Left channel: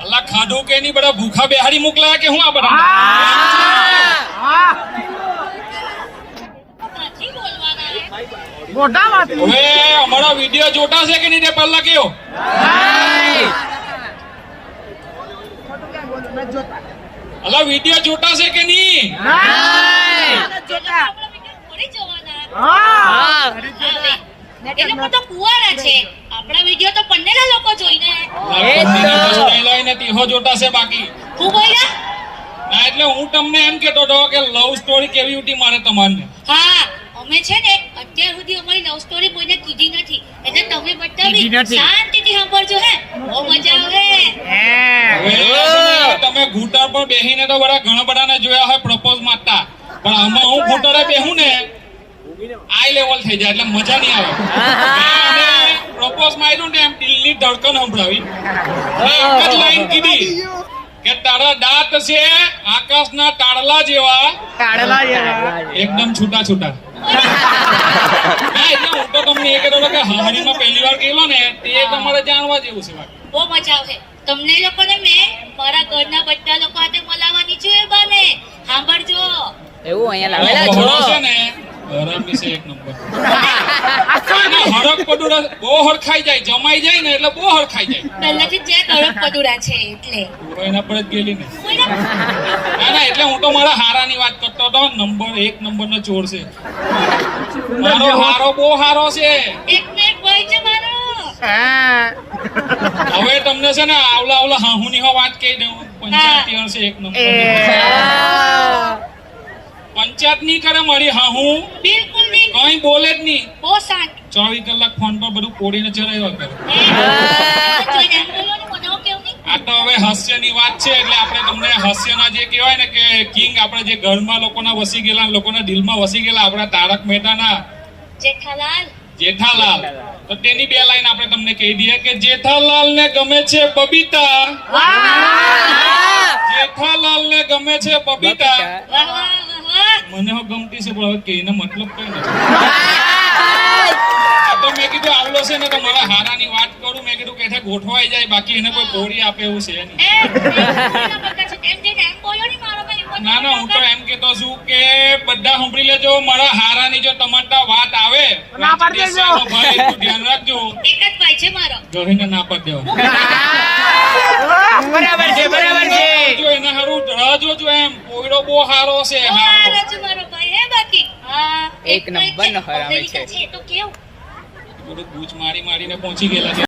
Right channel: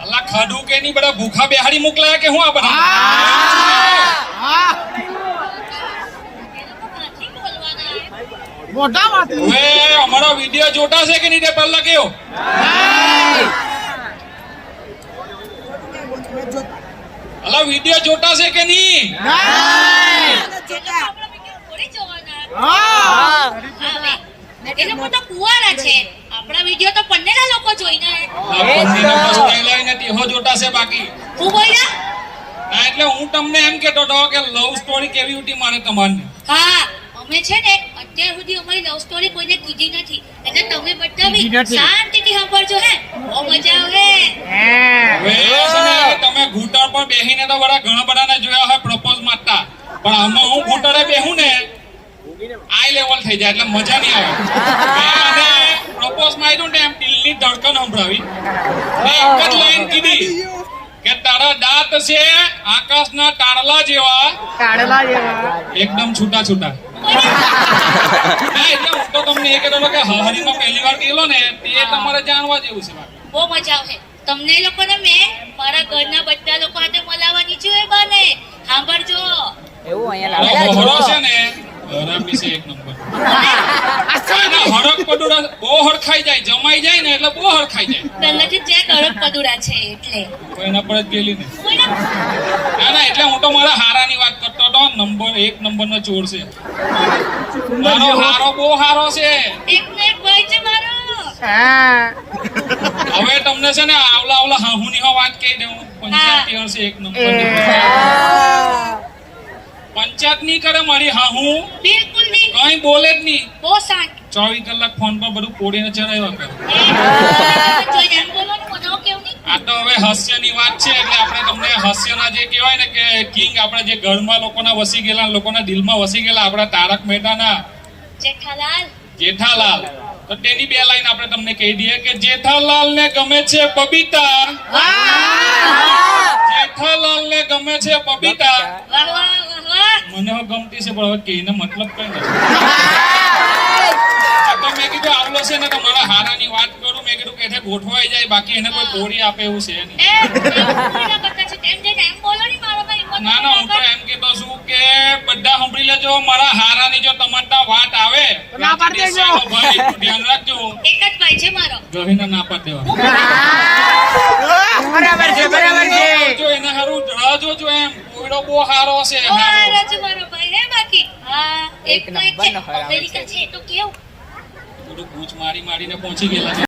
અલ્લા ખાધું કે નહીં બધા ભૂખા બેહાડી મોકલાયા કે હું આ બધા મોટા વાત અમારો વિડીયો જોતા છે કે નહીં તે પહેલા કયો અલ્લા વિડીયો જોતા છે કે નહીં આપણા વિડીયો તો પન્નેલા લોકો જોઈને જોતા છે બાકી હું બોલ્યા ના એટલે હું તમને એમ કેતો હતો કે લવ સ્ટોરી કેવી હતી મારે તમારી હા અમે છે ને અત્યાર સુધી અમારી લવ સ્ટોરી કોઈને કીધી નથી એટલે તમે બતાવી શાંતિથી સાંભળજો હે બહુ મજા આવે તમે ઘૂંટર પર બેહીને તો બધા ઘણા બધાને જોયા હોય પ્રપોઝ મારતા પણ અમે હું ઘૂંટરે બેહું ને આઈ લેવલ થઈ જાય એટલે મજા નહીં આવે પ્રપોઝ માર્યું ને એમ દિલની ધડકન સંભળાવી એક જ લાઈન કીધી કે તારા દાંત છે આકાશના તાળલા જેવા એકદમ છૂટા છૂટા એટલે હું તો તમને એ કહેતો કે હરીનો પહેલી વાર ગયેલો ને તે તમારે જાણવા જેવું છે બહુ મજા આવે તમને લોકોને મેં મારા ઘરના બધા લોકો સાથે મળવાની છે બને સાંભળજો એવું અહીંયા છે ને હરામી છે એક નંબર હરક પદુરા બહુ હરખાઈ જાય જમાઈ જાય ને એટલે બહુ હરખાઈ જાય પહેલેથી જે હરક પદુરા છે એટલે એના પર જ ગયેલી ને ના એટલે હું તો મારા હારાની વાત કરતો હતો નંબર 1 નંબરનો ચોર છે મારો હારો બહુ હારો છે એક ને એક ભાઈ છે મારો હવે તમને છે ને આવલા હાહુની વાત કહી દઉં પંચાયતી હશે એક નંબર પંચાયત નહીં કરે મારી હાહુ બિલકુલ નહીં કઈ બોલે જ નહીં બહુ શાંત 24 કલાક ફોન પર બધું કોડીને ચરાવ્યા કરે આ તો હવે હાસ્યની વાત છે એટલે આપણે તમને હાસ્યના જે કહેવાય ને કે કિંગ આપણે જે ઘરમાં લોકોના વસી ગયેલા લોકોના દિલમાં વસી ગયેલા આપણા તારક મહેતાના જેઠાલાલ તો તેની બે લાઈન આપણે તમને કહી દઈએ કે જેઠાલાલ ને ગમે છે બબીતા જેઠાલાલ ને ગમે છે બબીતા મને હો ગમતી છે પણ હવે કહીને મતલબ કઈ નથી મેં કીધું આવલો છે ને તો મારા હારાની વાત કરું મેં કીધું કે ગોઠવાઈ જાય બાકી એને કોઈ તોડી આપે એવું છે નહીં ના હું તો એમ કેતો છું કે બધા સાંભળી લેજો મારા હારાની જો તમારા વાત આવે ધ્યાન રાખજો એક જ ભાઈ છે મારો જોઈને ના પાડ દેવા બરાબર છે જો એને હારું રાહ જોજો એમ કોઈડો બહુ હારો છે મારો ભાઈ હે બાકી હા એક નંબર નો હરામી છે તો કેવું થોડું ગૂંચ મારીને પહોંચી ગયેલા